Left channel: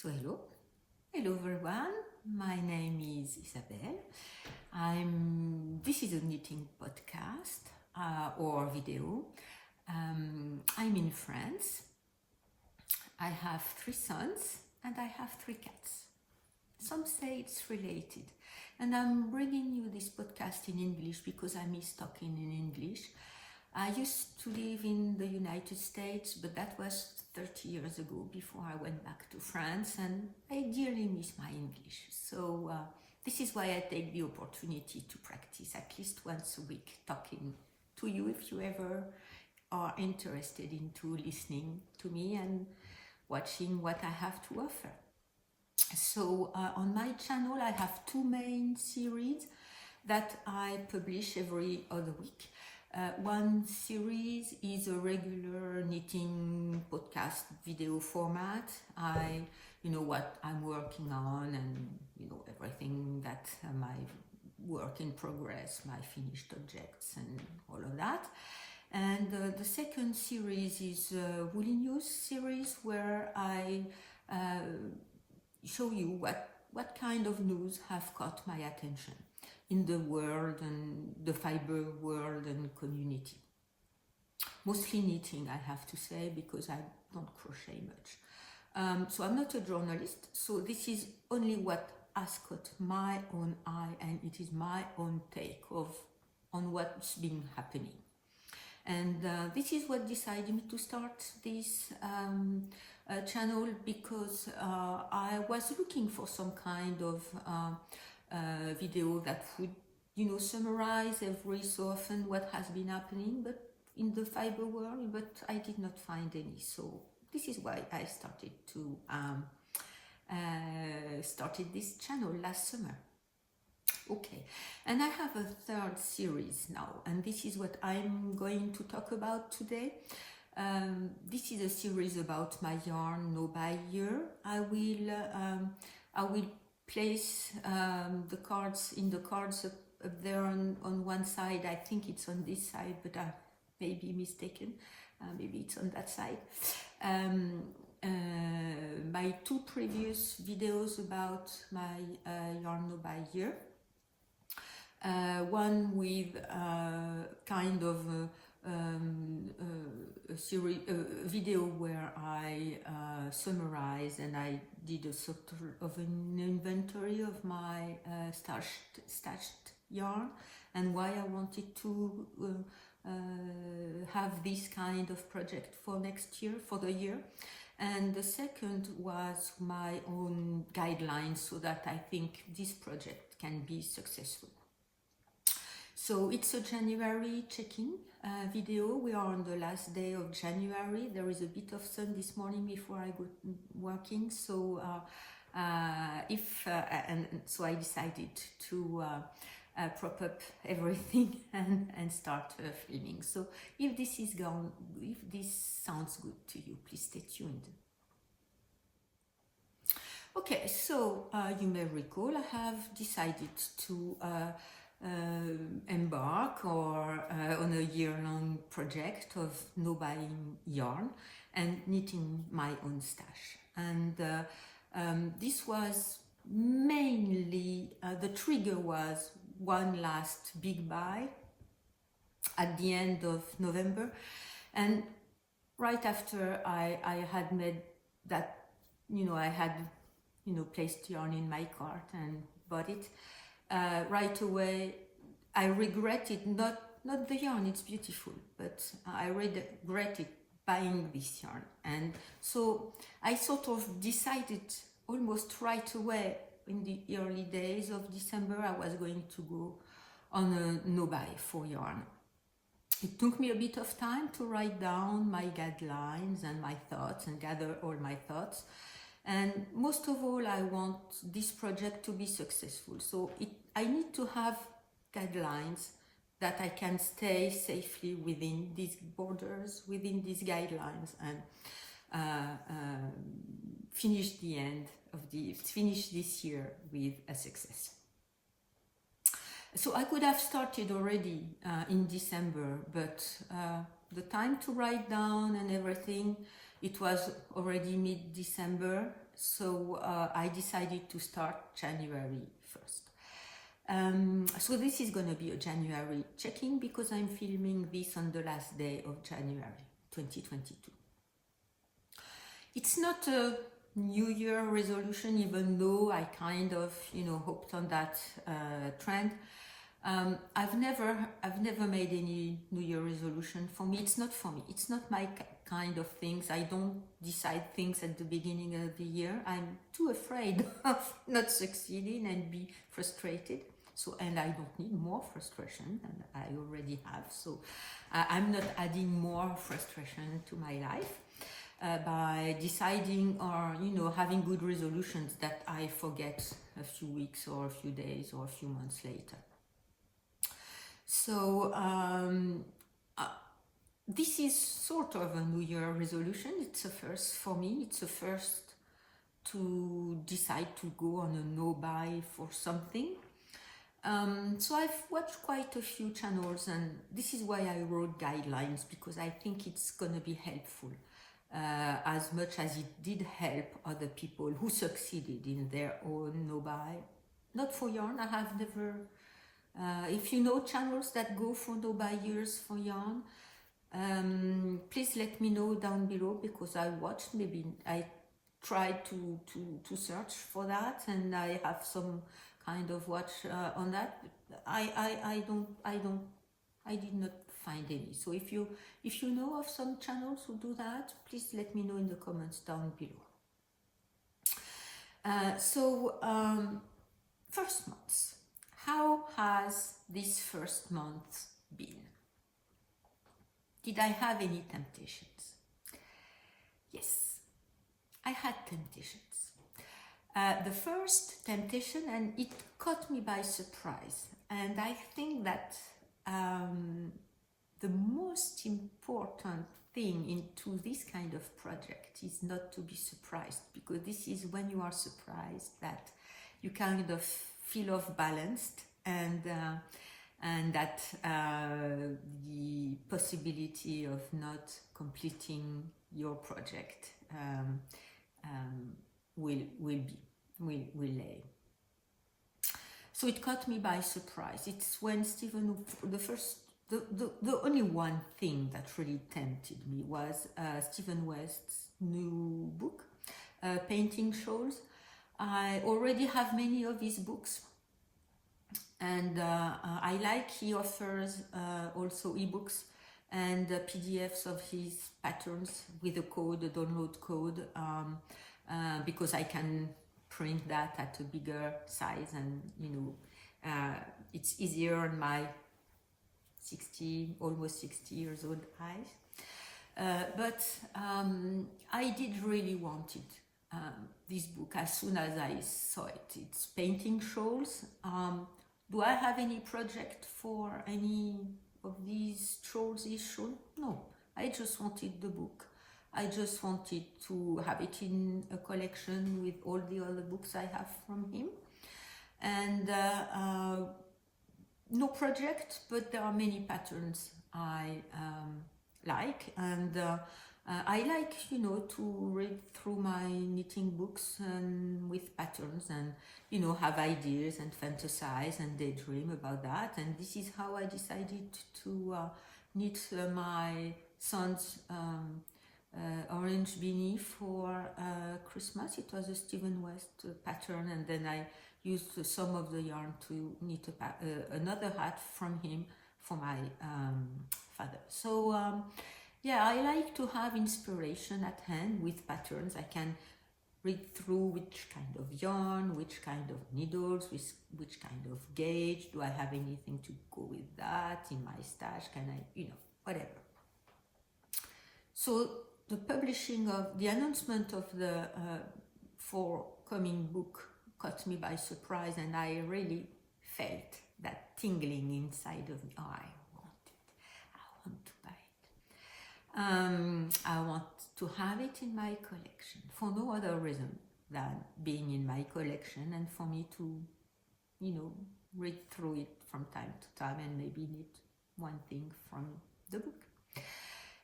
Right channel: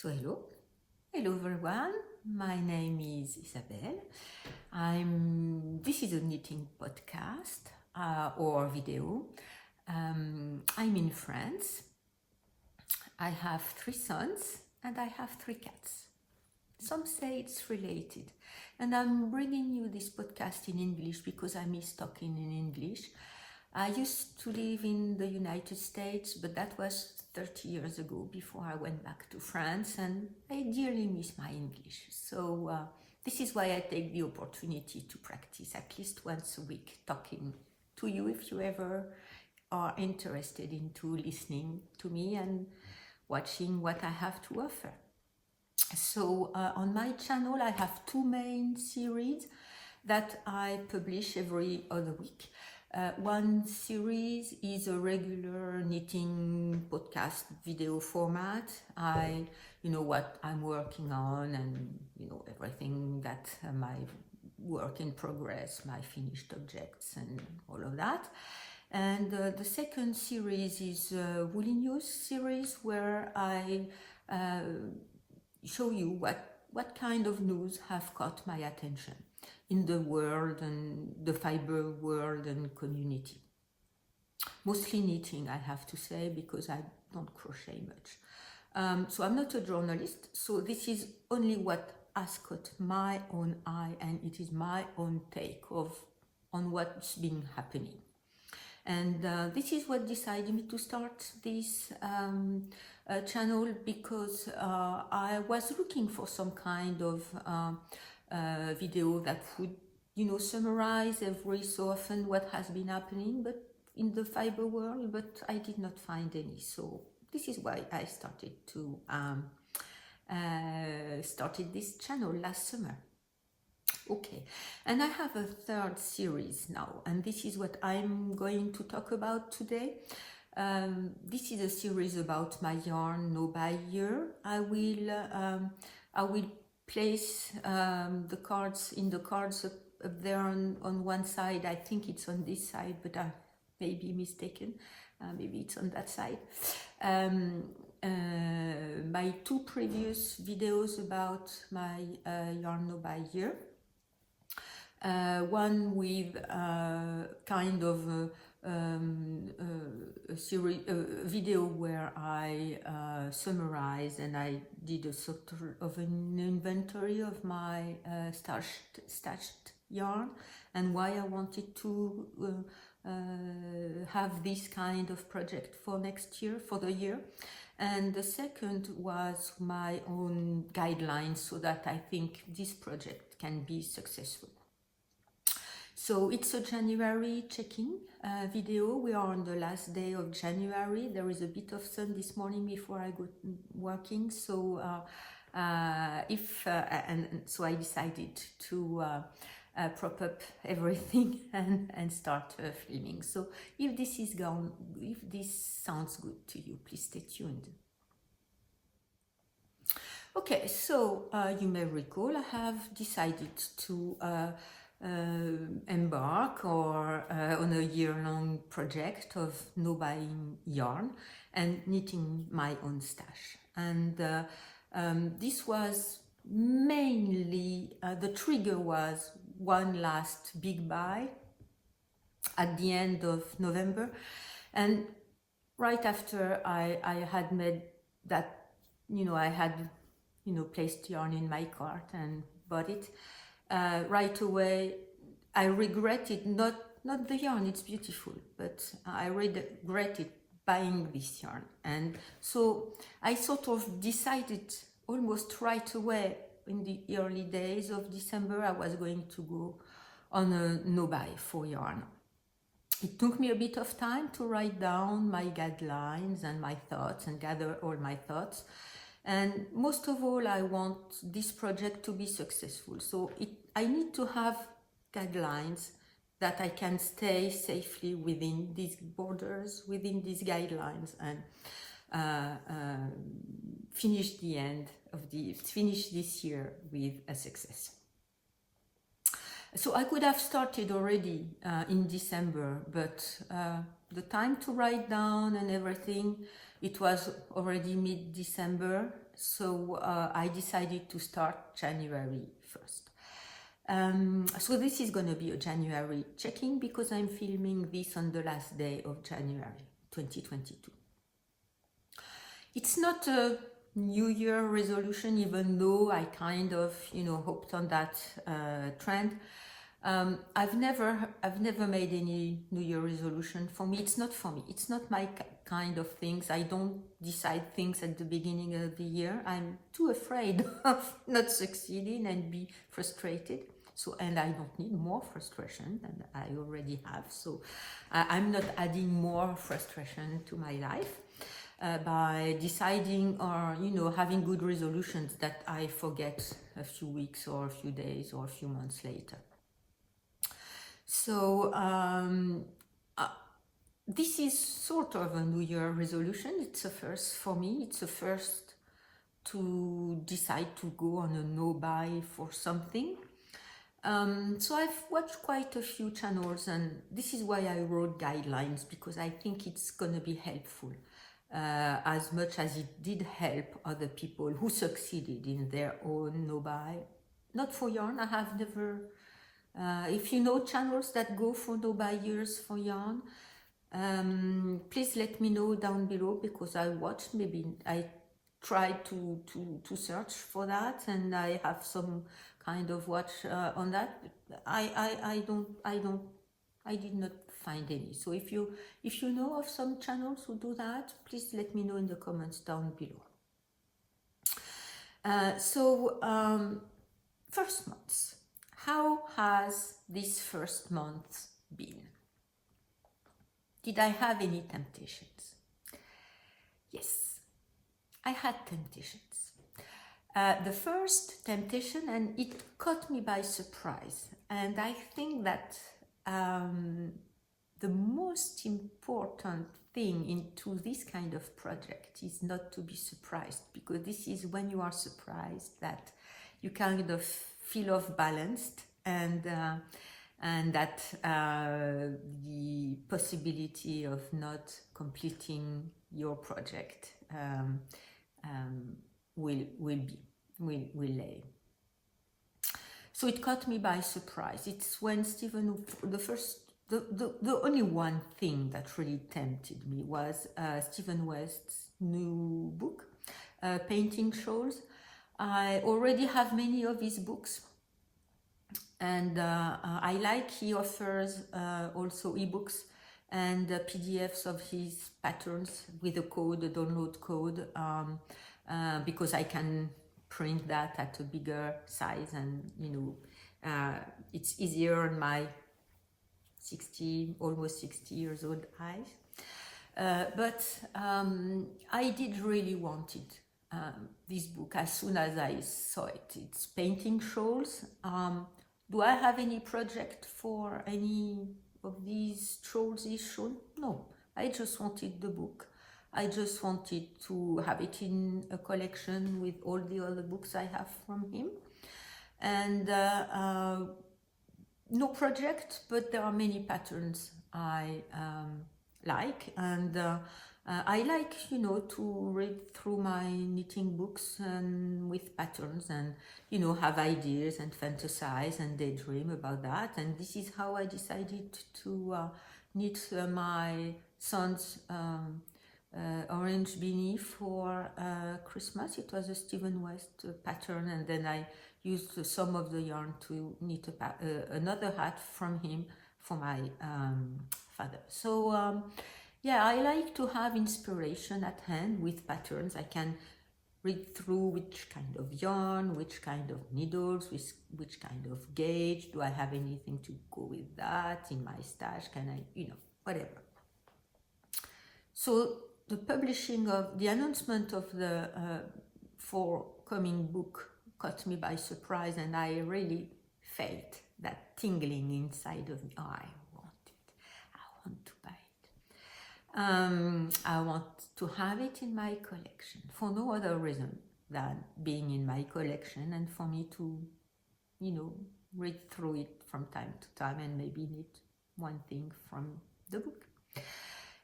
So hello everyone. My name is Isabelle. This is a knitting podcast or video. I'm in France. I have 3 sons and I have 3 cats. Some say it's related, and I'm bringing you this podcast in English because I miss talking in English. I used to live in the United States, but that was 30 years ago before I went back to France, and I dearly miss my English. So this is why I take the opportunity to practice at least once a week talking to you if you ever are interested into listening to me and watching what I have to offer. So on my channel I have 2 main series that I publish every other week. One series is a regular knitting podcast video format. What I'm working on, and everything that my work in progress, my finished objects and all of that. And the second series is a Woolly News series where I show you what kind of news have caught my attention in the world and the fiber world and community. Mostly knitting, I have to say, because I don't crochet much. So I'm not a journalist, so this is only what has caught my own eye, and it is my own take on what's been happening. And this is what decided me to start this channel, because I was looking for some kind of video that would summarize every so often what has been happening but in the fiber world, but I did not find any. So this is why I started this channel last summer. Okay, and I have a 3rd series now, and this is what I'm going to talk about today. This is a series about my yarn no by year. I will place the cards up there on one side. I think it's on this side, but I may be mistaken. Maybe it's on that side. My 2 previous videos about my yarn no by year. One with kind of a video where I summarized and I did a sort of an inventory of my stashed yarn and why I wanted to have this kind of project for next year, for the year. And the second was my own guidelines so that I think this project can be successful. So it's a January check-in video. We are on the last day of January. There is a bit of sun this morning before I go working. So so I decided to prop up everything and start filming. So if this sounds good to you, please stay tuned. Okay, so you may recall I have decided to embark on a year-long project of no buying yarn and knitting my own stash. And this was mainly, the trigger was one last big buy at the end of November, and right after I had made that, I had placed yarn in my cart and bought it. Right away I regretted not the yarn, it's beautiful, but I regretted buying this yarn. And so I sort of decided almost right away in the early days of December I was going to go on a no buy for yarn. It took me a bit of time to write down my guidelines and my thoughts and gather all my thoughts. And most of all, I want this project to be successful. So I need to have guidelines that I can stay safely within these borders, within these guidelines, and finish this year with a success. So I could have started already in December, but the time to write down and everything It was already mid-December, so I decided to start January 1st. So this is going to be a January check-in because I'm filming this on the last day of January 2022. It's not a New Year resolution, even though I kind of, hoped on that trend. I've never made any New Year resolution. For me, it's not for me. It's not my kind of things. I don't decide things at the beginning of the year. I'm too afraid of not succeeding and be frustrated. So, and I don't need more frustration than I already have. So I'm not adding more frustration to my life by deciding or, having good resolutions that I forget a few weeks or a few days or a few months later. So this is sort of a New Year resolution. It's a first for me. It's a first to decide to go on a no-buy for something. So I've watched quite a few channels, and this is why I wrote guidelines, because I think it's going to be helpful as much as it did help other people who succeeded in their own no-buy. Not for yarn. I have never... if you know channels that go for no-buy years for yarn, please let me know down below, because I watched, maybe I tried to search for that, and I have some kind of watch on that, but I did not find any. So if you know of some channels who do that, please let me know in the comments down below. First months. How has this first month been? Did I have any temptations? Yes, I had temptations. The first temptation, and it caught me by surprise, and I think that the most important thing into this kind of project is not to be surprised, because this is when you are surprised that you kind of feel off balanced, and that the possibility of not completing your project will lay. So it caught me by surprise. It's when Stephen, the only one thing that really tempted me was Stephen West's new book, Painting Shawls. I already have many of his books, and I like he offers also ebooks and PDFs of his patterns with a code, a download code, because I can print that at a bigger size, and it's easier on my almost 60 years old eyes. But I did really want it. This book as soon as I saw it. It's Painting Shawls. Do I have any project for any of these shawls issued? No, I just wanted the book. I just wanted to have it in a collection with all the other books I have from him. And no project, but there are many patterns I like, and I like, to read through my knitting books and with patterns, and have ideas and fantasize and daydream about that. And this is how I decided to knit my son's orange beanie for Christmas. It was a Stephen West pattern, and then I used some of the yarn to knit another hat from him for my father. So yeah, I like to have inspiration at hand with patterns. I can read through which kind of yarn, which kind of needles, which kind of gauge. Do I have anything to go with that in my stash? Can I, whatever. So the announcement of the forthcoming book caught me by surprise, and I really felt that tingling inside of me. Oh, I want to buy it. I want to have it in my collection for no other reason than being in my collection, and for me to, read through it from time to time and maybe knit one thing from the book.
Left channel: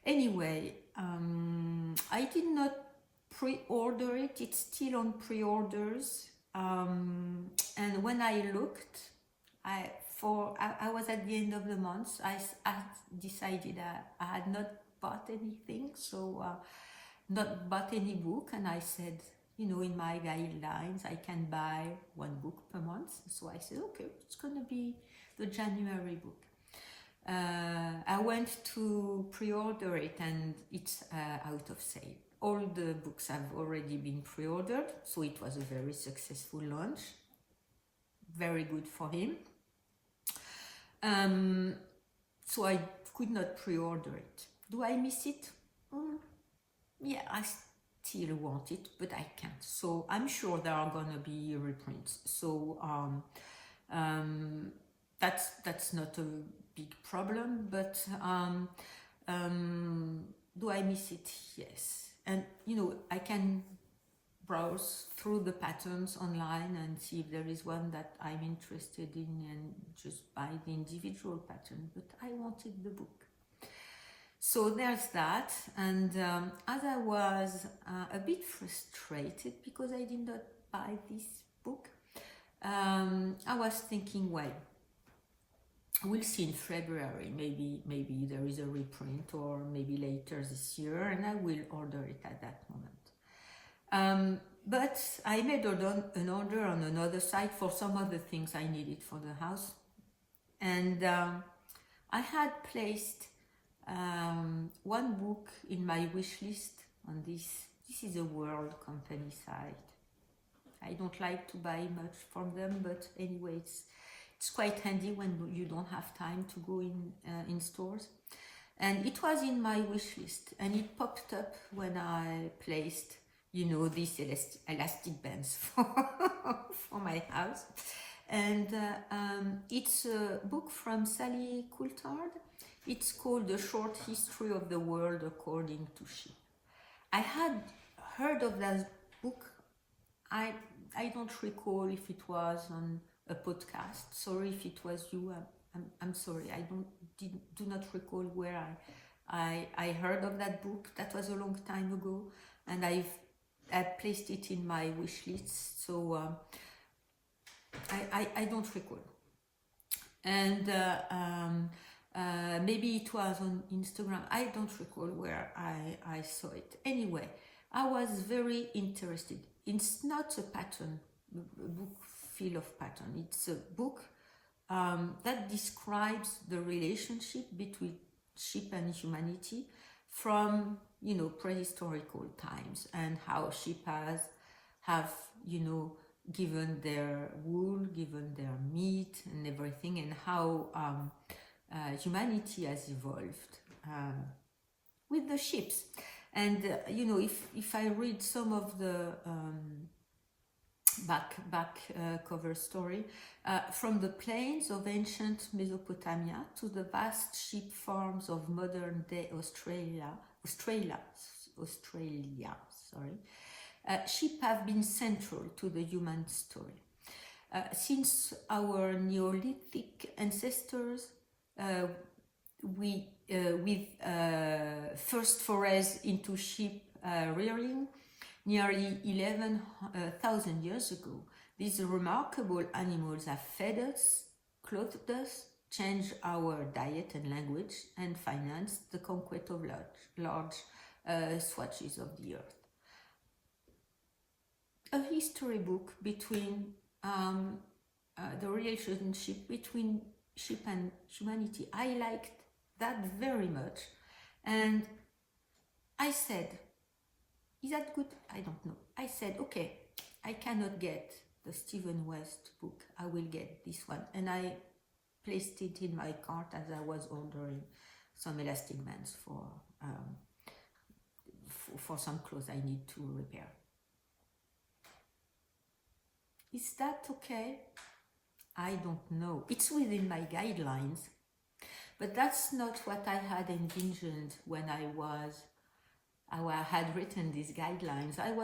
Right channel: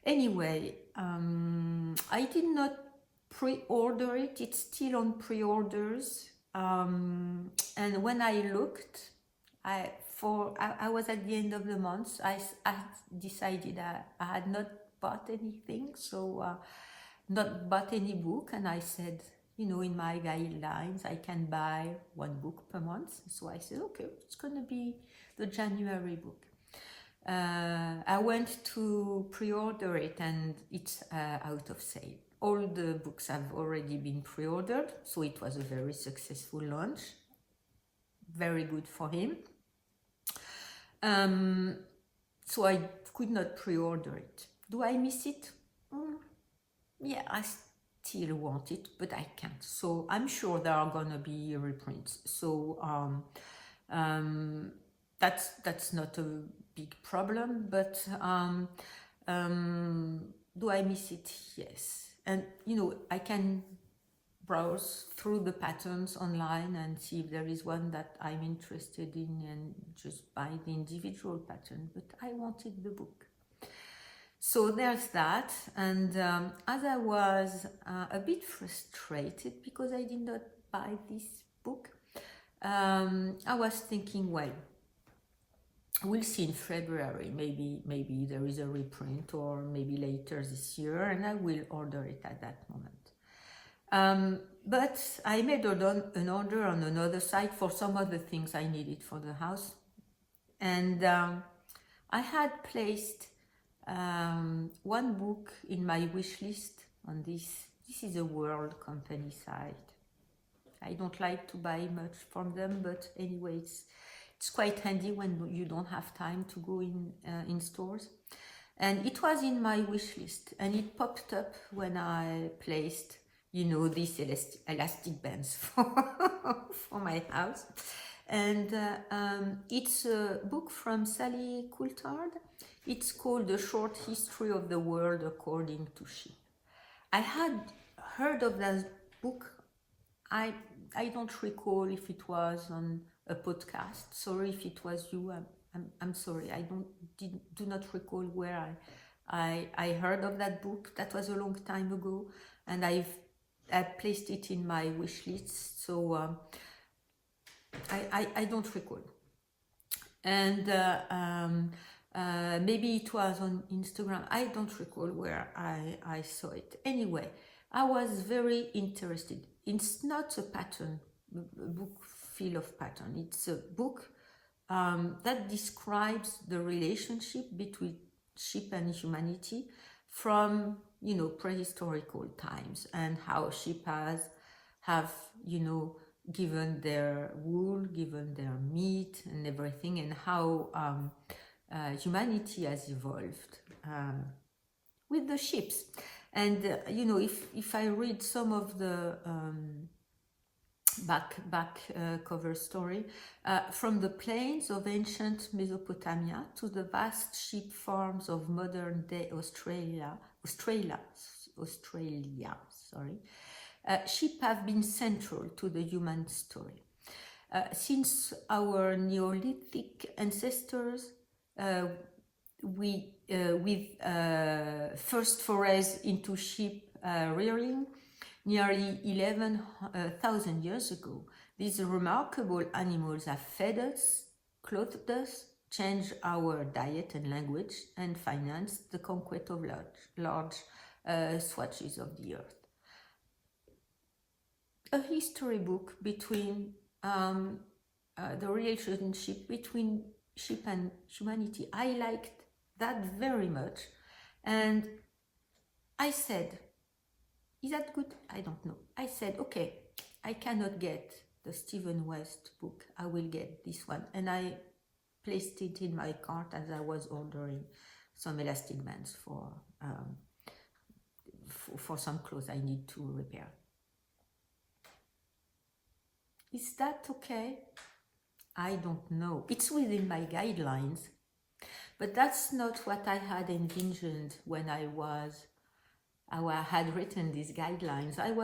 Anyway, I did not pre-order it. It's still on pre-orders. And when I looked, I was at the end of the month. I decided I had not bought anything, so not bought any book, and I said, you know, in my guidelines, I can buy one book per month. So I said, okay, it's gonna be the January book. I went to pre-order it, and it's out of sale. All the books have already been pre-ordered, so it was a very successful launch. Very good for him. So I could not pre-order it. Do I miss it? Yeah, I still want it, but I can't. So I'm sure there are gonna be reprints. So that's not a big problem, but do I miss it? Yes. And you know, I can browse through the patterns online and see if there is one that I'm interested in and just buy the individual pattern, but I wanted the book. So there's that. And as I was a bit frustrated because I did not buy this book, I was thinking, well, we'll see in February, maybe there is a reprint, or maybe later this year, and I will order it at that moment. But I made an order on another site for some other things I needed for the house, and I had placed one book in my wish list on this is a World company site. I don't like to buy much from them, but anyway, it's quite handy when you don't have time to go in stores. And it was in my wish list, and it popped up when I placed, you know, these elastic bands for my house. And it's a book from Sally Coulthard. It's called The Short History of the World According to Sheep. I had heard of that book. I don't recall if it was on a podcast. Sorry if it was you. I'm sorry. I do not recall where I heard of that book. That was a long time ago, and I placed it in my wish list. So I don't recall. And maybe it was on Instagram. I don't recall where I saw it. Anyway, I was very interested. It's not a pattern, a book full of pattern. It's a book that describes the relationship between sheep and humanity from, you know, prehistorical times, and how sheep have, you know, given their wool, given their meat and everything, and how humanity has evolved with the sheep. And you know, if I read some of the back cover story, from the plains of ancient Mesopotamia to the vast sheep farms of modern day Australia, sheep have been central to the human story. Since our Neolithic ancestors, with first forays into sheep rearing nearly 11,000 years ago, these remarkable animals have fed us, clothed us, changed our diet and language, and financed the conquest of large swatches of the earth. A history book between the relationship between sheep and humanity. I liked that very much, and I said, is that good? I don't know. I said, okay, I cannot get the Stephen West book. I will get this one. And I placed it in my cart as I was ordering some elastic bands for some clothes I need to repair. Is that okay? I don't know. It's within my guidelines, but that's not what I had envisioned when I had written these guidelines. I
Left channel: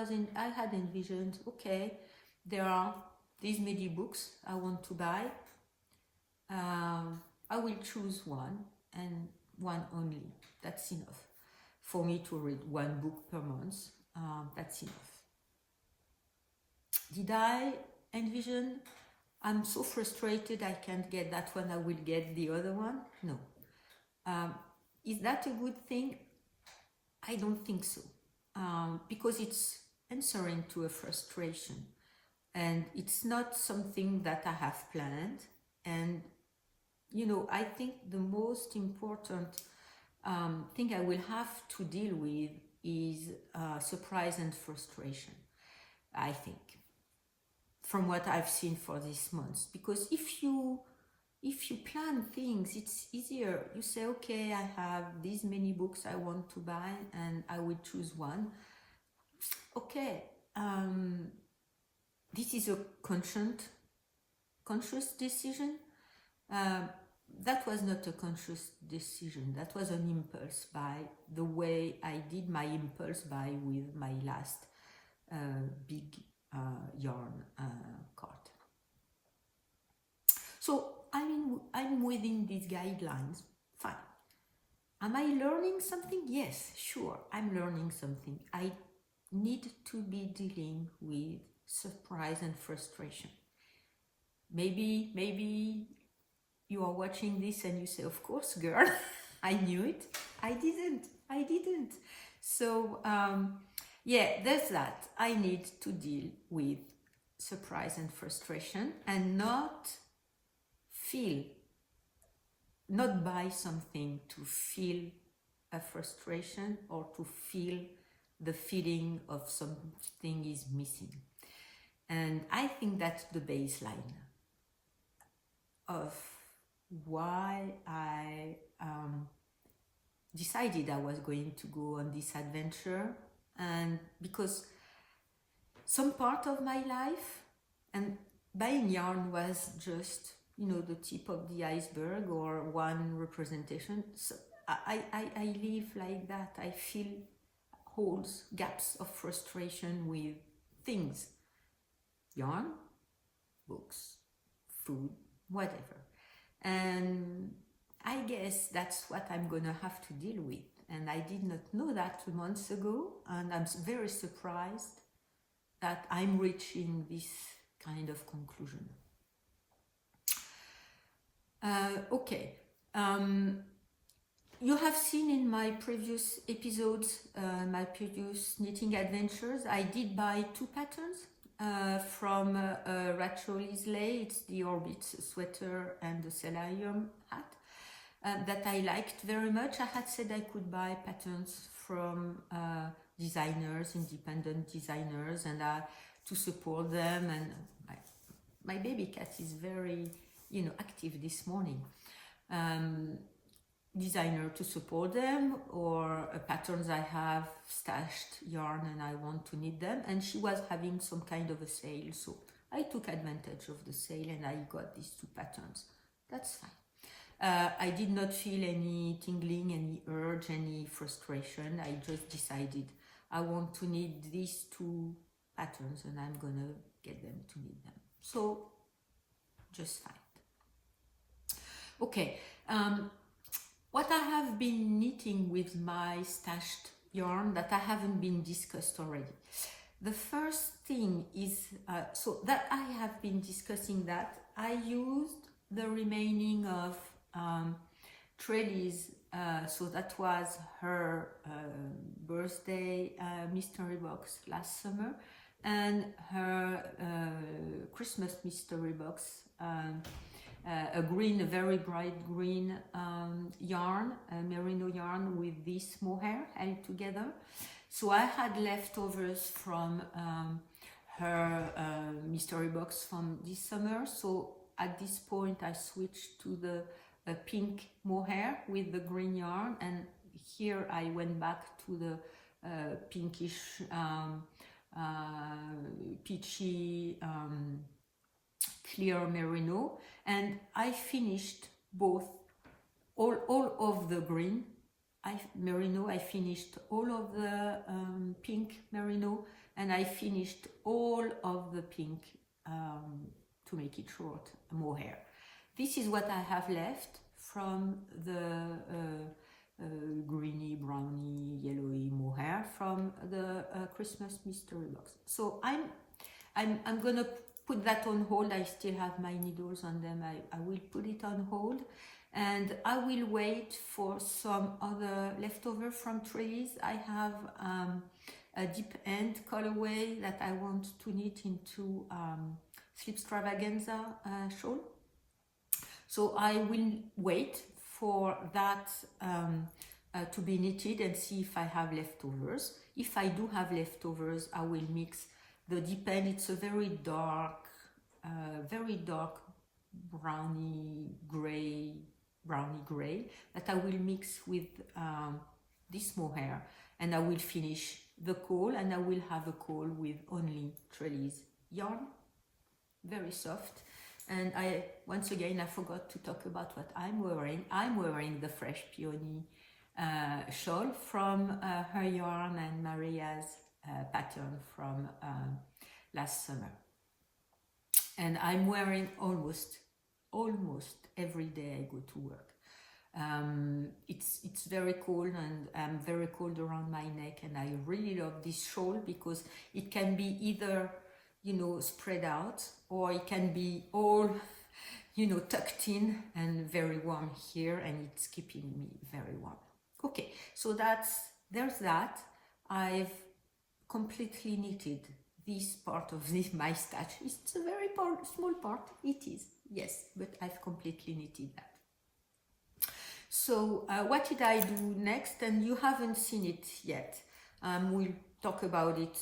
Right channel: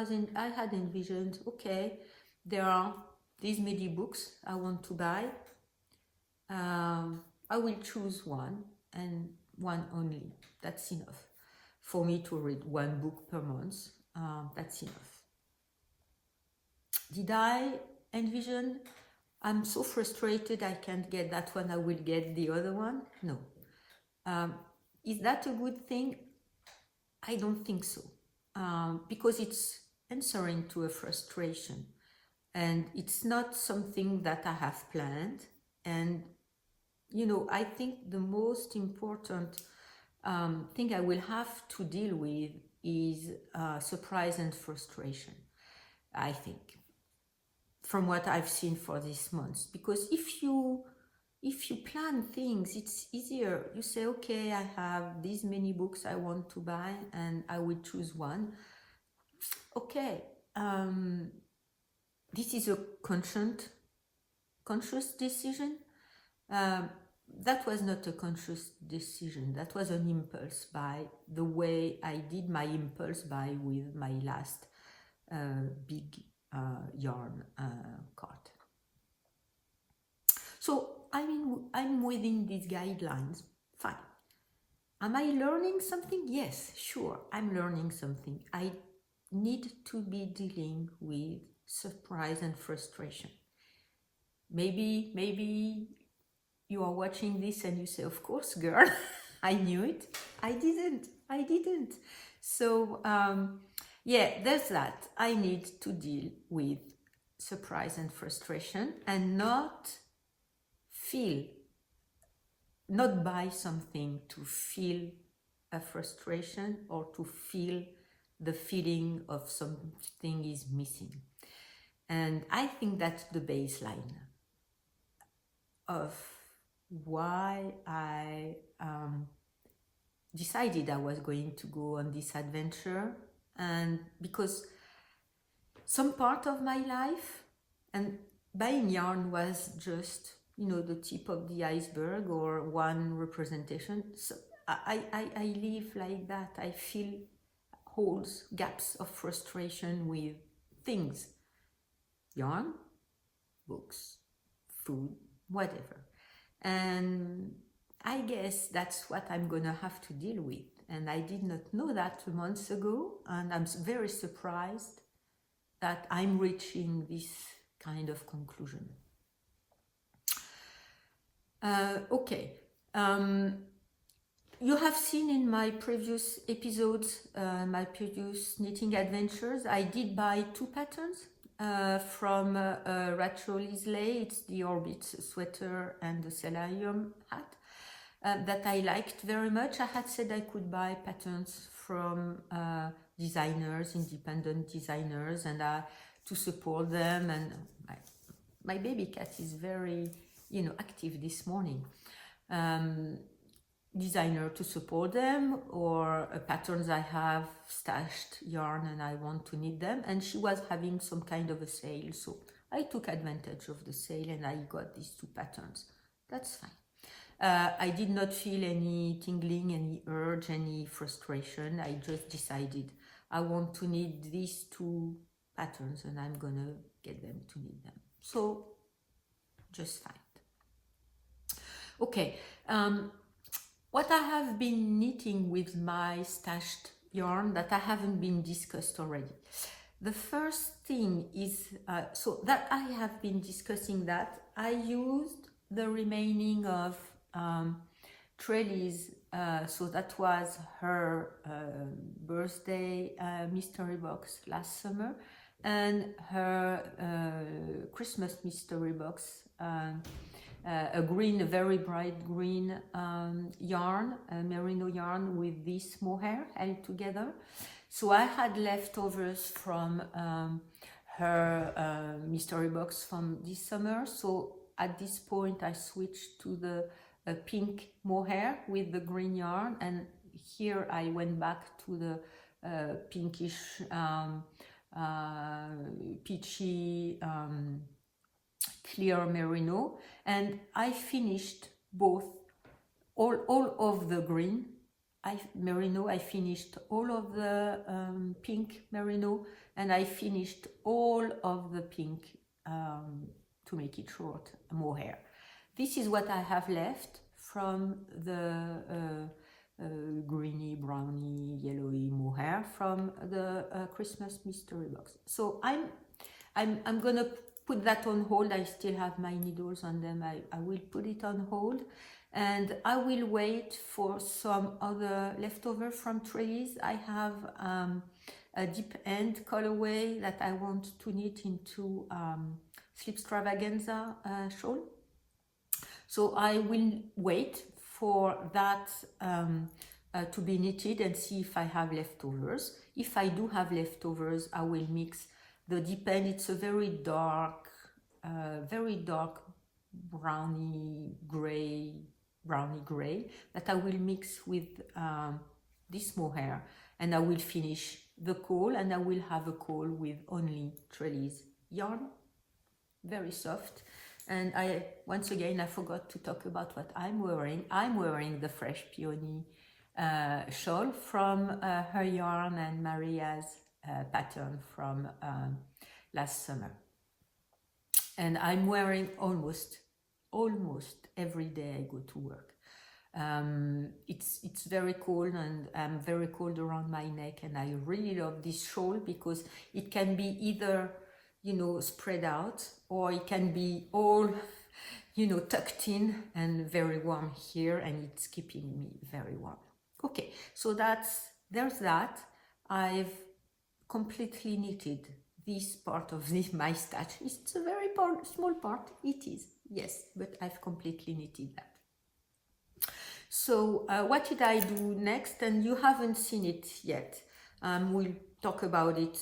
had envisioned, okay, there are these many books I want to buy. I will choose one, and one only. That's enough. for me to read one book per month. That's enough. Did I envision, I'm so frustrated I can't get that one, I will get the other one? No. Is that a good thing? I don't think so. Because it's answering to a frustration. And it's not something that I have planned. And, you know, I think the most important thing I will have to deal with is surprise and frustration, I think, from what I've seen for this month. Because if you plan things, it's easier. You say, okay, I have these many books I want to buy and I will choose one. Okay, this is a conscious decision. That was not a conscious decision. That was an impulse buy, the way I did my impulse buy with my last big yarn cart. So I'm within these guidelines. Fine. Am I learning something? Yes, sure, I'm learning something. I need to be dealing with surprise and frustration. Maybe you are watching this and you say, of course, girl, I knew it. I didn't. So, yeah, there's that. I need to deal with surprise and frustration and not buy something to feel a frustration or to feel the feeling of something is missing. And I think that's the baseline of why I decided I was going to go on this adventure. And because some part of my life, and buying yarn was just, you know, the tip of the iceberg or one representation. So I live like that. I feel holes, gaps of frustration with things. Yarn, books, food, whatever. And I guess that's what I'm gonna have to deal with. And I did not know that 2 months ago, and I'm very surprised that I'm reaching this kind of conclusion. Okay. You have seen in my previous episodes, my previous knitting adventures, I did buy 2 patterns from Rachel Islay. It's the Orbit sweater and the Selenium hat that I liked very much. I had said I could buy patterns from designers, independent designers, and to support them. And my baby cat is very, you know, active this morning. Designer to support them, or patterns I have stashed yarn and I want to knit them, and she was having some kind of a sale, so I took advantage of the sale and I got these 2 patterns. That's fine. I did not feel any tingling, any urge, any frustration. I just decided I want to knit these 2 patterns and I'm gonna get them to knit them. So just fine. Okay. What I have been knitting with my stashed yarn that I haven't been discussed already. The first thing is, so that I have been discussing that, I used the remaining of Trelly's, so that was her birthday mystery box last summer, and her Christmas mystery box, a very bright green yarn, merino yarn with this mohair held together. So I had leftovers from her mystery box from this summer. So at this point I switched to the pink mohair with the green yarn, and here I went back to the pinkish, peachy, clear merino, and I finished both, all of the green merino, I finished all of the pink merino, and I finished all of the pink, to make it short, mohair. This is what I have left from the greeny, browny, yellowy mohair from the Christmas mystery box. So I'm gonna put that on hold. I still have my needles on them. I will put it on hold, and I will wait for some other leftover from trellis. I have a deep end colorway that I want to knit into Sleep Extravaganza shawl. So I will wait for that to be knitted and see if I have leftovers. If I do have leftovers, I will mix the deep end. It's a very dark browny gray that I will mix with this mohair, and I will finish the caul, and I will have a caul with only trellis yarn, very soft. And once again, I forgot to talk about what I'm wearing. I'm wearing the Fresh Peony shawl from her yarn and Maria's pattern from last summer. And I'm wearing almost every day I go to work. It's very cold, and I'm very cold around my neck, and I really love this shawl because it can be either, you know, spread out, or it can be all, you know, tucked in and very warm here, and it's keeping me very warm. Okay, so there's that. I've completely knitted this part of my stash. It's a very small part, it is, yes, but I've completely knitted that. So what did I do next? And you haven't seen it yet. We'll talk about it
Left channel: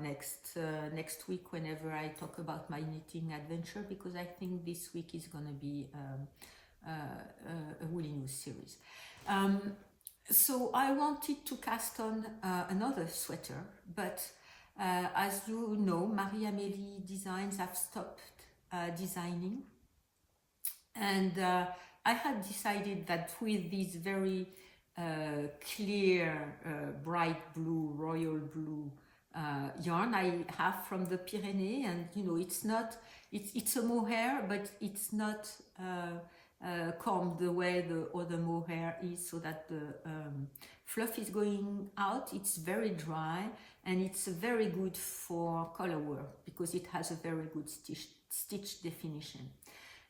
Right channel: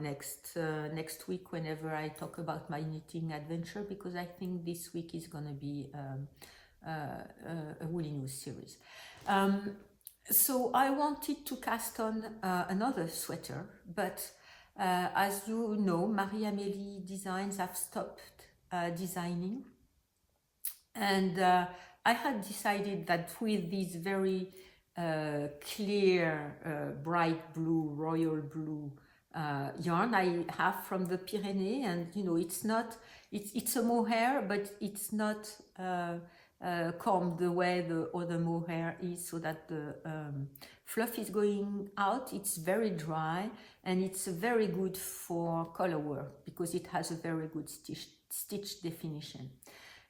next week whenever I talk about my knitting adventure, because I think this week is gonna be a Woolly News series. So I wanted to cast on another sweater, but as you know, Marie-Amélie Designs have stopped designing, and I had decided that with this very clear, bright blue, royal blue yarn I have from the Pyrenees, and you know, it's a mohair, but it's not combed the way the other mohair is, so that the fluff is going out. It's very dry, and it's very good for color work because it has a very good stitch definition.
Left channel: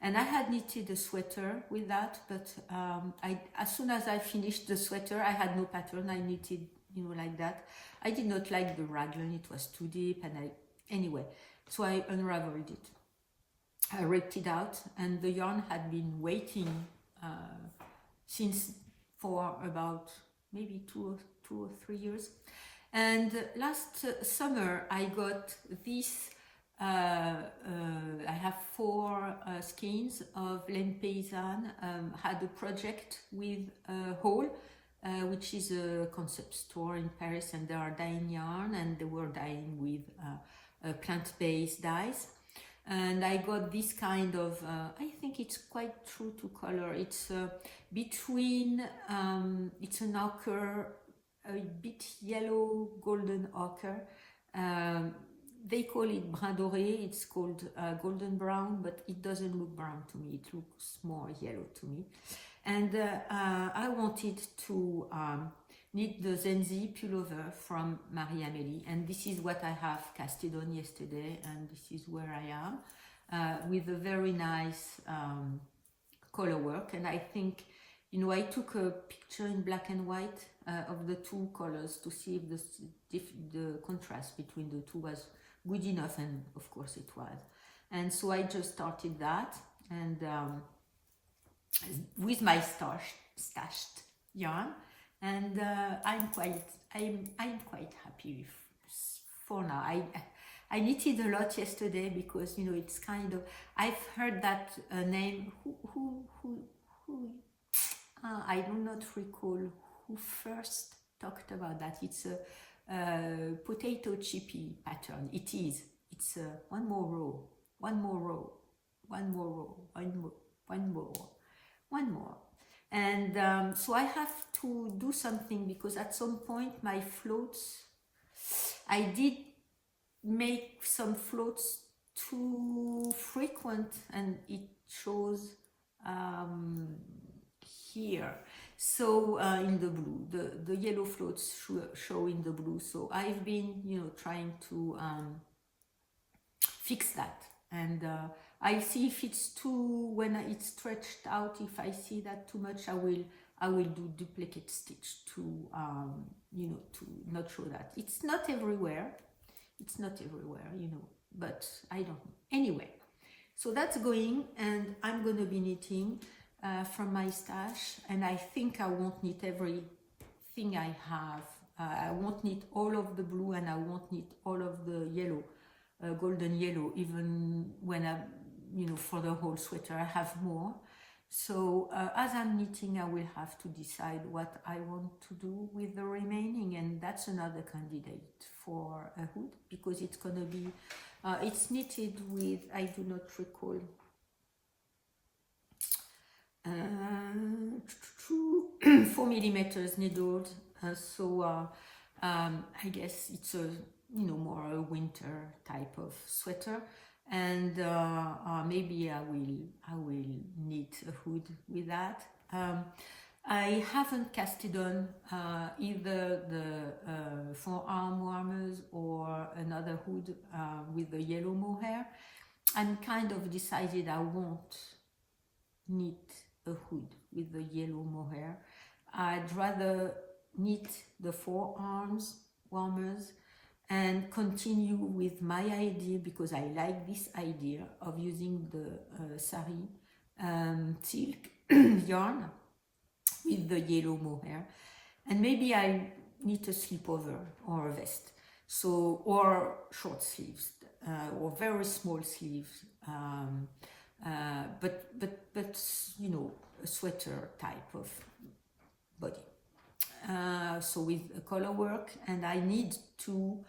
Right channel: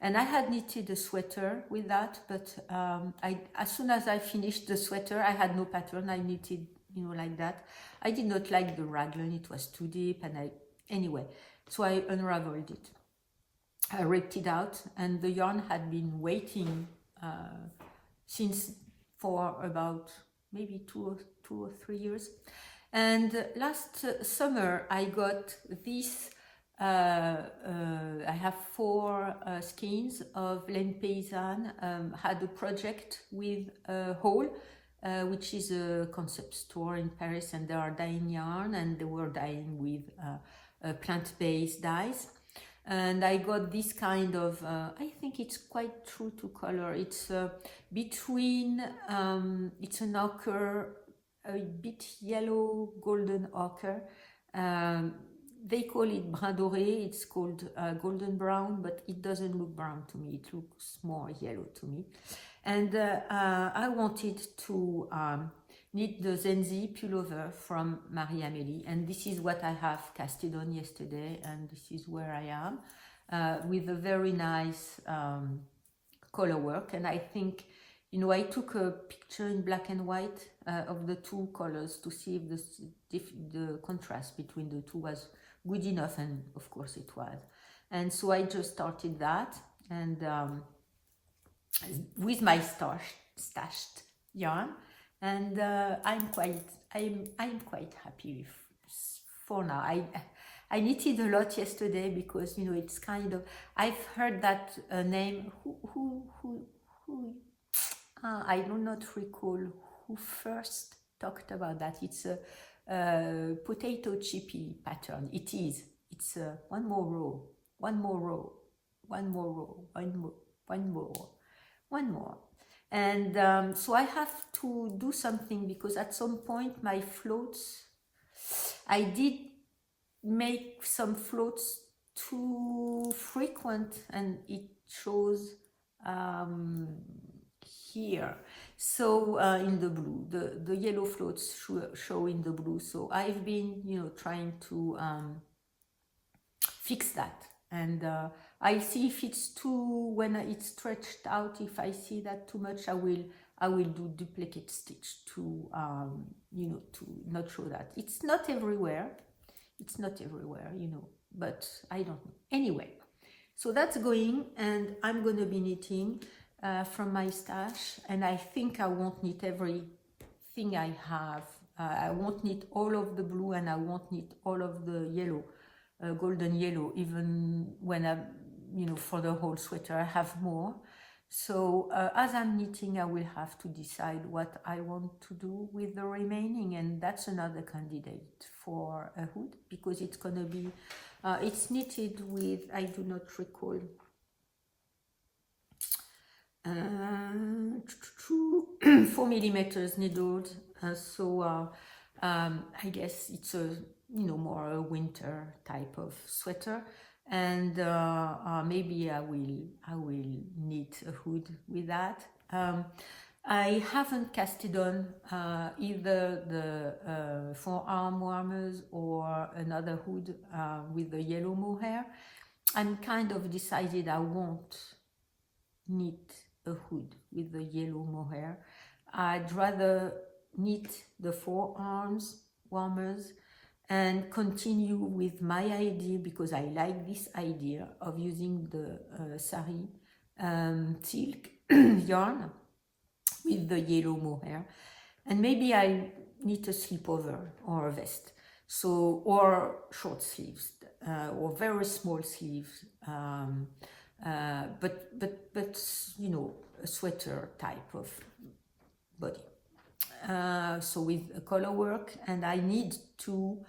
And I had knitted a sweater with that, but as soon as I finished the sweater, I had no pattern. I knitted, you know, like that. I did not like the raglan, it was too deep, and anyway, so I unraveled it. I ripped it out, and the yarn had been waiting for about maybe two or 3 years. And last summer I got this. I have 4 skeins of Laine Paysanne. Had a project with Haul, which is a concept store in Paris, and they are dyeing yarn, and they were dyeing with plant-based dyes. And I got this kind of, I think it's quite true to color. It's between, it's an ochre, a bit yellow, golden ochre. They call it brun doré, it's called golden brown, but it doesn't look brown to me, it looks more yellow to me. And I wanted to knit the Zenzi pullover from Marie-Amélie, and this is what I have casted on yesterday, and this is where I am, with a very nice color work. And I think, you know, I took a picture in black and white of the 2 colors to see if the contrast between the 2 was good enough, and of course it was. And so I just started that, and with my stashed yarn, and I'm quite happy for now. I knitted a lot yesterday because, you know, it's kind of, I've heard that name. Who I do not recall who first talked about that. It's a potato chippy pattern. It is. It's one more row, one more row, one more row, one more, one more, one more. And so I have to do something, because at some point my floats, I did make some floats too frequent, and it shows here. So in the blue, the yellow floats show in the blue. So I've been, trying to fix that, and I'll see if it's too, when it's stretched out, if I see that too much, I will do duplicate stitch to to not show that. It's not everywhere, but I don't know. Anyway, so that's going, and I'm going to be knitting from my stash, and I think I won't knit everything I have. I won't knit all of the blue, and I won't knit all of the yellow, golden yellow, even when I, for the whole sweater I have more. So as I'm knitting, I will have to decide what I want to do with the remaining, and that's another candidate for a hood, because it's going to be, it's knitted with, I do not recall, 4 millimeters needled, so I guess it's a more a winter type of sweater, and maybe I will knit a hood with that. I haven't casted on either the forearm warmers or another hood with the yellow mohair. I'm kind of decided I won't knit a hood with the yellow mohair. I'd rather knit the forearms warmers and continue with my idea, because I like this idea of using the sari silk yarn with the yellow mohair, and maybe I knit a slipover or a vest, so, or short sleeves or very small sleeves, but a sweater type of body. So with color work, and I need to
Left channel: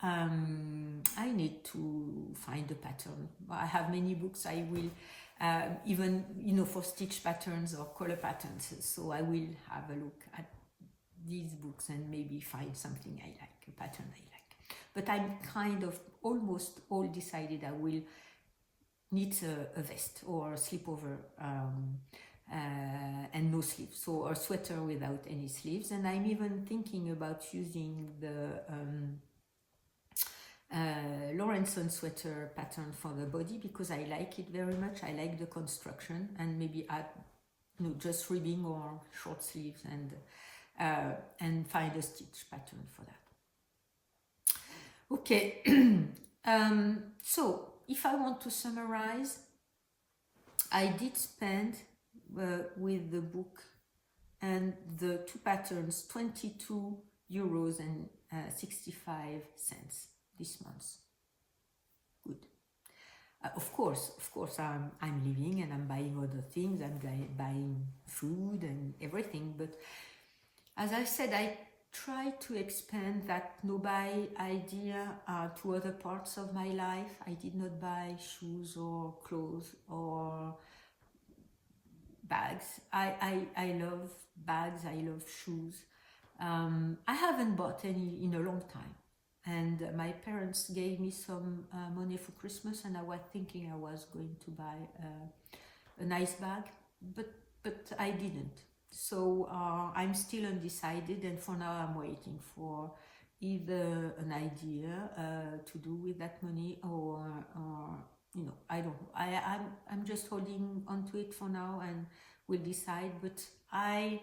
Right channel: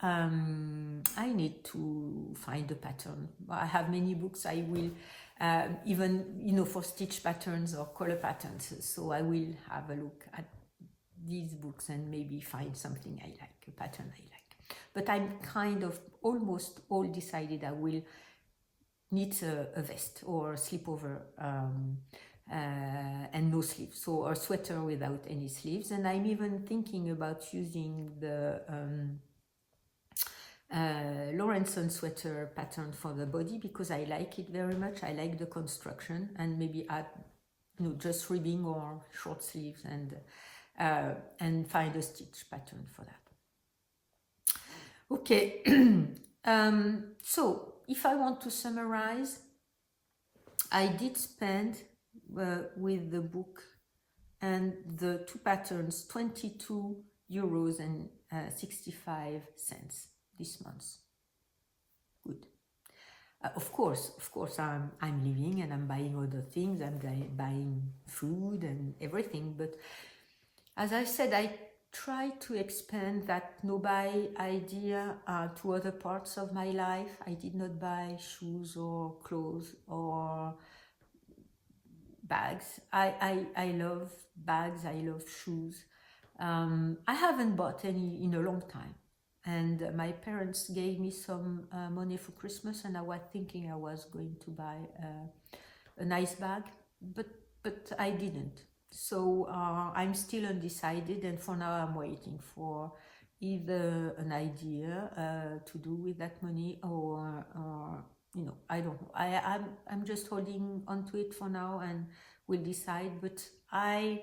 find a pattern. I have many books. I will even for stitch patterns or color patterns, so I will have a look at these books and maybe find something I like, a pattern I like. But I'm kind of almost all decided I will knit a vest or a slipover and no sleeves, so a sweater without any sleeves. And I'm even thinking about using the Lawrenson sweater pattern for the body, because I like it very much. I like the construction, and maybe add just ribbing or short sleeves, and find a stitch pattern for that. Okay. So if I want to summarize, I did spend with the book and the two patterns €22 and 65 cents this month. Good. Of course, I'm living and I'm buying other things. I'm buying food and everything. But as I said, I try to expand that no-buy idea to other parts of my life. I did not buy shoes or clothes or bags. I love bags. I love shoes. I haven't bought any in a long time. And my parents gave me some money for Christmas, and I was thinking I was going to buy a nice bag, but I didn't. So I'm still undecided, and for now I'm waiting for either an idea to do with that money, or I don't know. I'm just holding onto it for now, and will decide. But I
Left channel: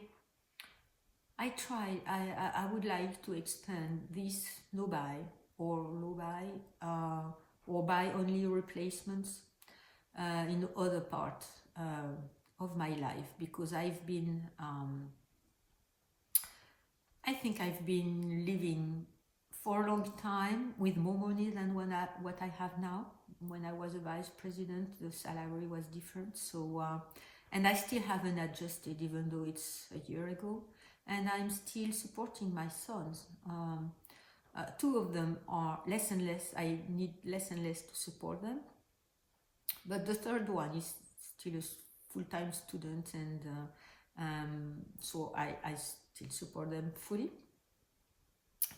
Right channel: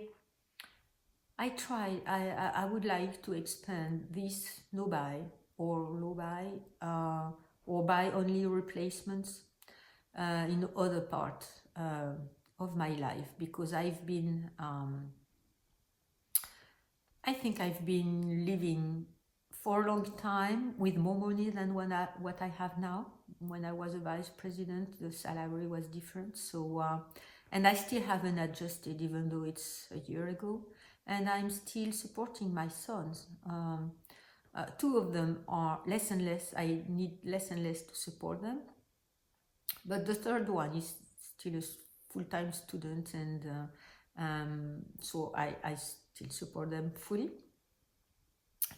would like to expand this no-buy or buy only replacements in other parts of my life, because I've been I think I've been living for a long time with more money than what I have now. When I was a vice president, the salary was different, so and I still haven't adjusted, even though it's a year ago. And I'm still supporting my sons. Two of them are less and less. I need less and less to support them. But the third one is still a full-time student, and so I still support them fully.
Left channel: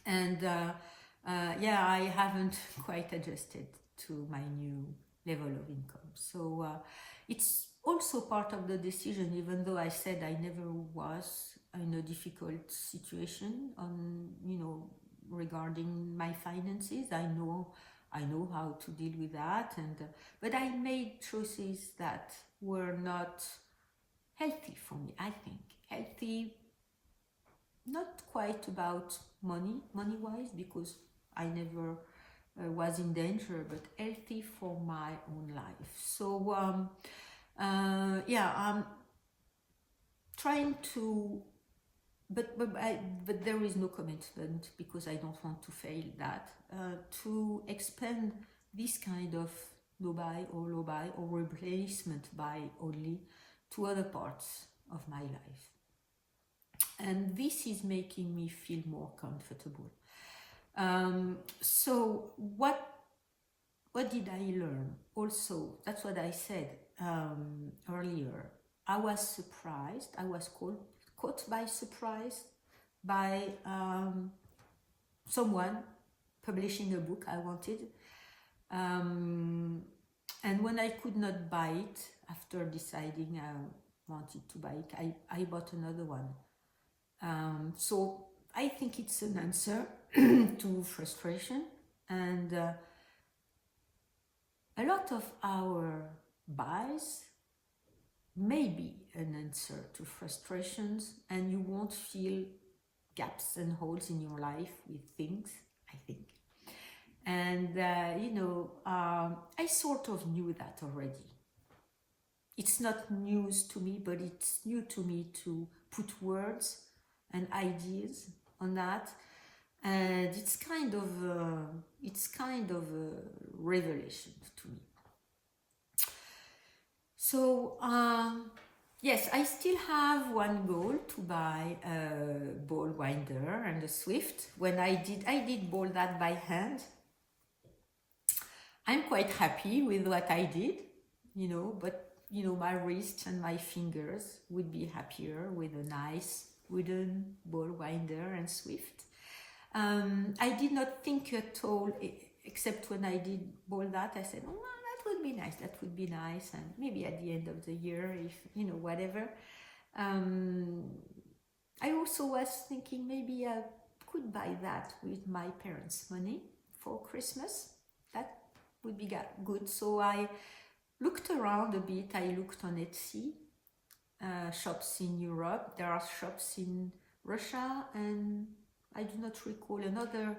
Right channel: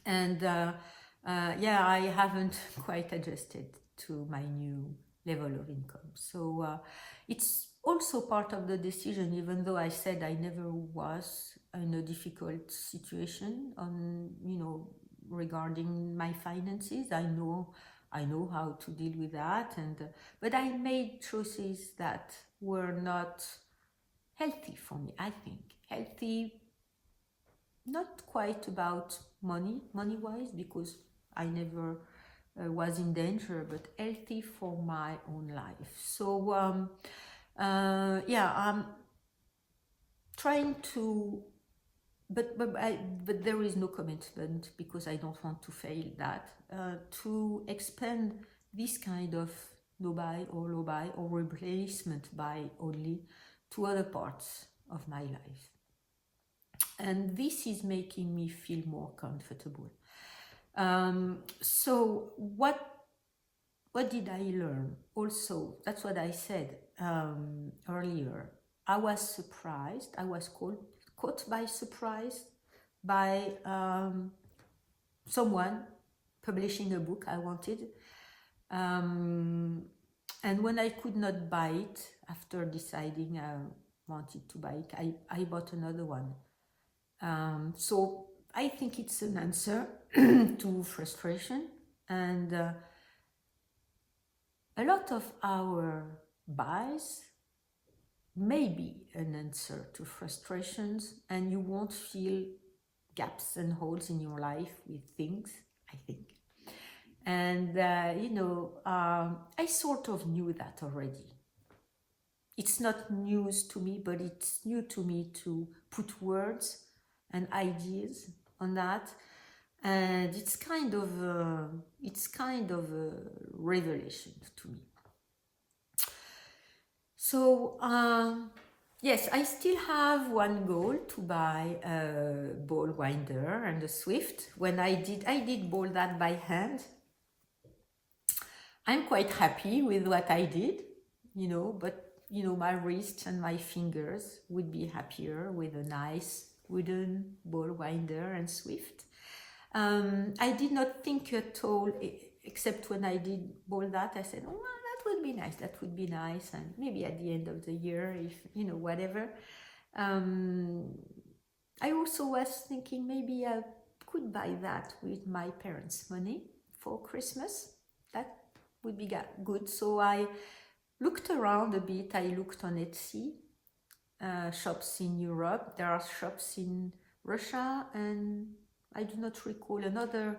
And yeah, I haven't quite adjusted to my new level of income. So it's also part of the decision, even though I said I never was in a difficult situation on, regarding my finances. I know how to deal with that, and but I made choices that were not healthy for me. I think healthy, not quite about money-wise, because I never was in danger, but healthy for my own life. So yeah, I'm trying to, but there is no commitment, because I don't want to fail that, to expand this kind of no-buy or replacement buy only to other parts of my life. And this is making me feel more comfortable. So what did I learn? Also, that's what I said earlier. I was surprised. I was caught by surprise by someone publishing a book I wanted. And when I could not buy it, after deciding I wanted to buy it, I bought another one. So I think it's an answer to frustration, and a lot of our buys may be an answer to frustrations, and you won't feel gaps and holes in your life with things, I think. And I sort of knew that already. It's not news to me, but it's new to me to put words and ideas on that, and it's kind of a revelation to me. So yes, I still have one goal, to buy a ball winder and a Swift. When I did ball that by hand. I'm quite happy with what I did, but my wrists and my fingers would be happier with a nice wooden ball winder and Swift. I did not think at all, except when I did ball that, I said, oh, well, that would be nice, and maybe at the end of the year, if, whatever. I also was thinking maybe I could buy that with my parents' money for Christmas. That would be good. So I looked around a bit. I looked on Etsy, shops in Europe. There are shops in Russia, and I do not recall another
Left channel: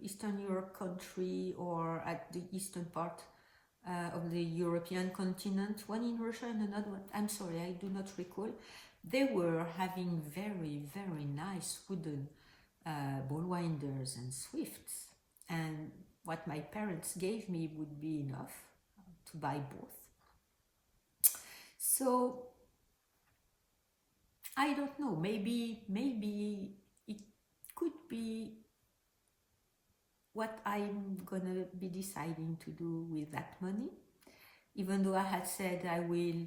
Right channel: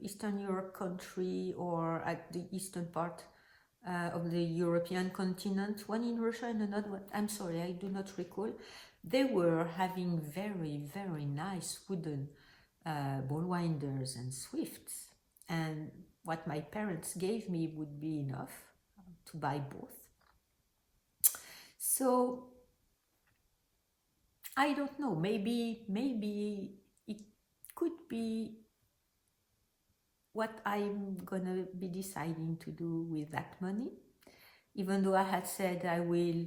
Eastern Europe country, or at the eastern part of the European continent. One in Russia and another one, I'm sorry, I do not recall. They were having very, very nice wooden ball winders and Swifts, and what my parents gave me would be enough to buy both. So I don't know, maybe it could be what I'm gonna be deciding to do with that money, even though I had said I will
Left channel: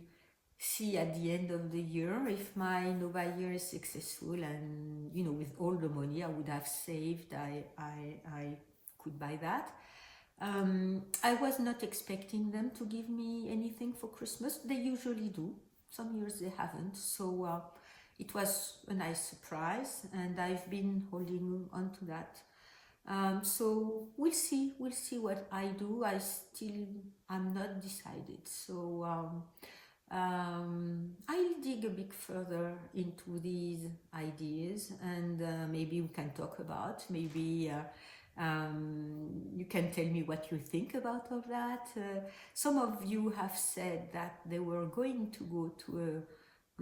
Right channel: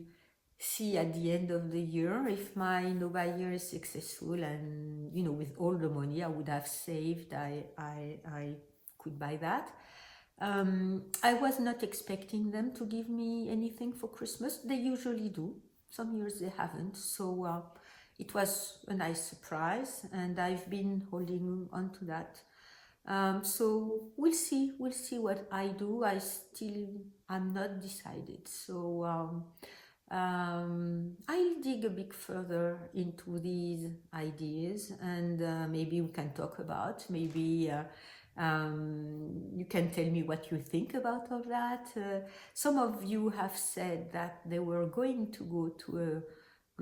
see at the end of the year if my no-buy year is successful, and with all the money I would have saved, I could buy that. I was not expecting them to give me anything for Christmas. They usually do. Some years they haven't. So it was a nice surprise, and I've been holding on to that. So we'll see what I do. I'm not decided. So I'll dig a bit further into these ideas, and maybe we can talk about, maybe you can tell me what you think about all that. Some of you have said that they were going to go to a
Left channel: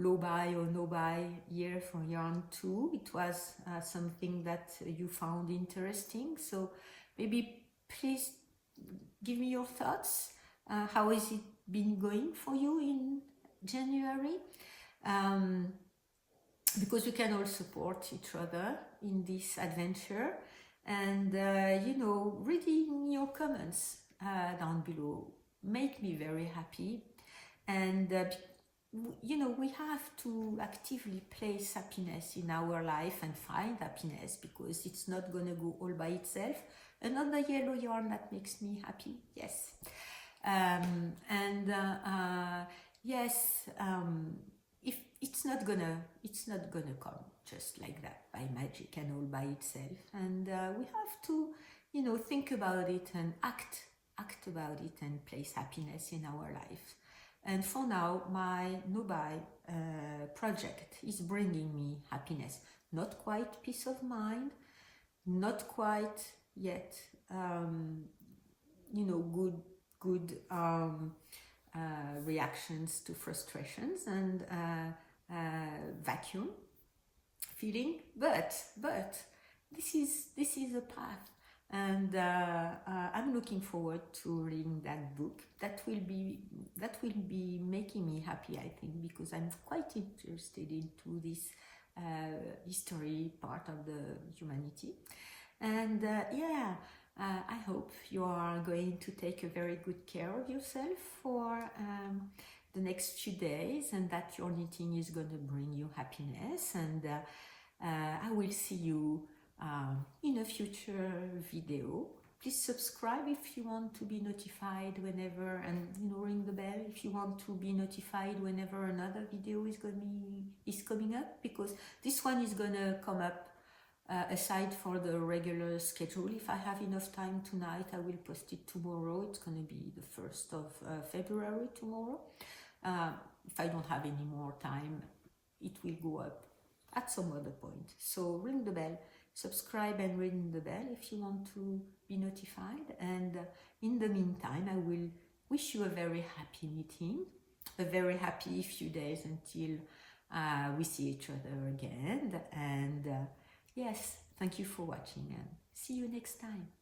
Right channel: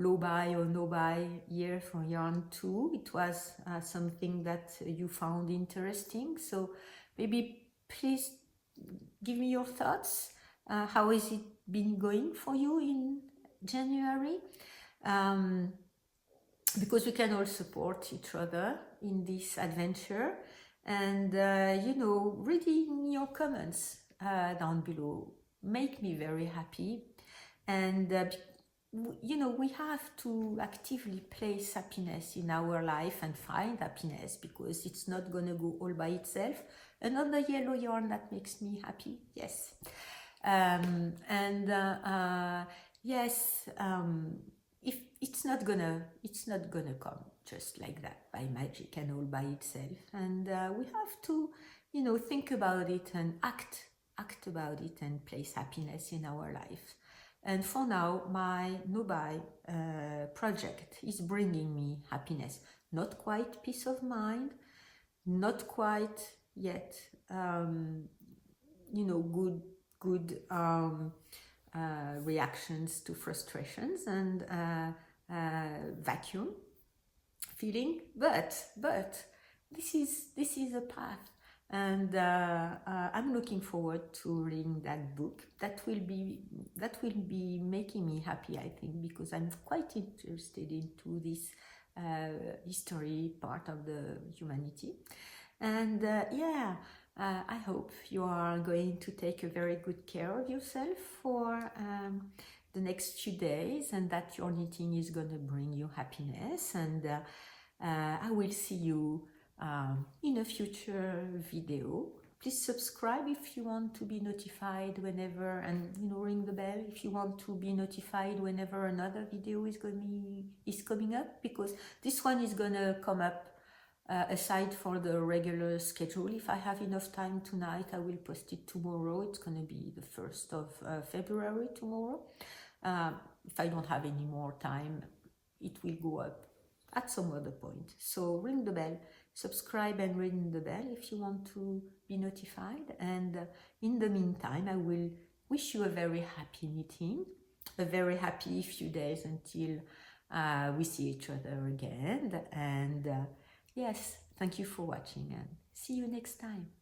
low buy or no buy year for yarn too. It was something that you found interesting. So maybe please give me your thoughts. How has it been going for you in January? Because we can all support each other in this adventure. And reading your comments down below make me very happy. And we have to actively place happiness in our life and find happiness, because it's not gonna go all by itself. Another yellow yarn that makes me happy, yes. Yes, it's not gonna come just like that by magic and all by itself. And we have to, think about it and act about it and place happiness in our life. And for now, my no-buy project is bringing me happiness. Not quite peace of mind, not quite yet, good reactions to frustrations and vacuum feeling, but this is a path, and I'm looking forward to reading that book. That will be making me happy, I think, because I'm quite interested into this history part of the humanity. And I hope you are going to take a very good care of yourself for the next few days, and that your knitting is going to bring you happiness. And I will see you in a future video. Please subscribe if you want to be notified whenever, and ring the bell if you want to be notified whenever another video is coming up, because this one is gonna come up aside for the regular schedule. If I have enough time tonight, I will post it tomorrow. It's gonna be the 1st of February tomorrow. If I don't have any more time, it will go up at some other point. So ring the bell, subscribe and ring the bell if you want to be notified. And in the meantime, I will wish you a very happy knitting, a very happy few days until we see each other again. And yes, thank you for watching, and see you next time.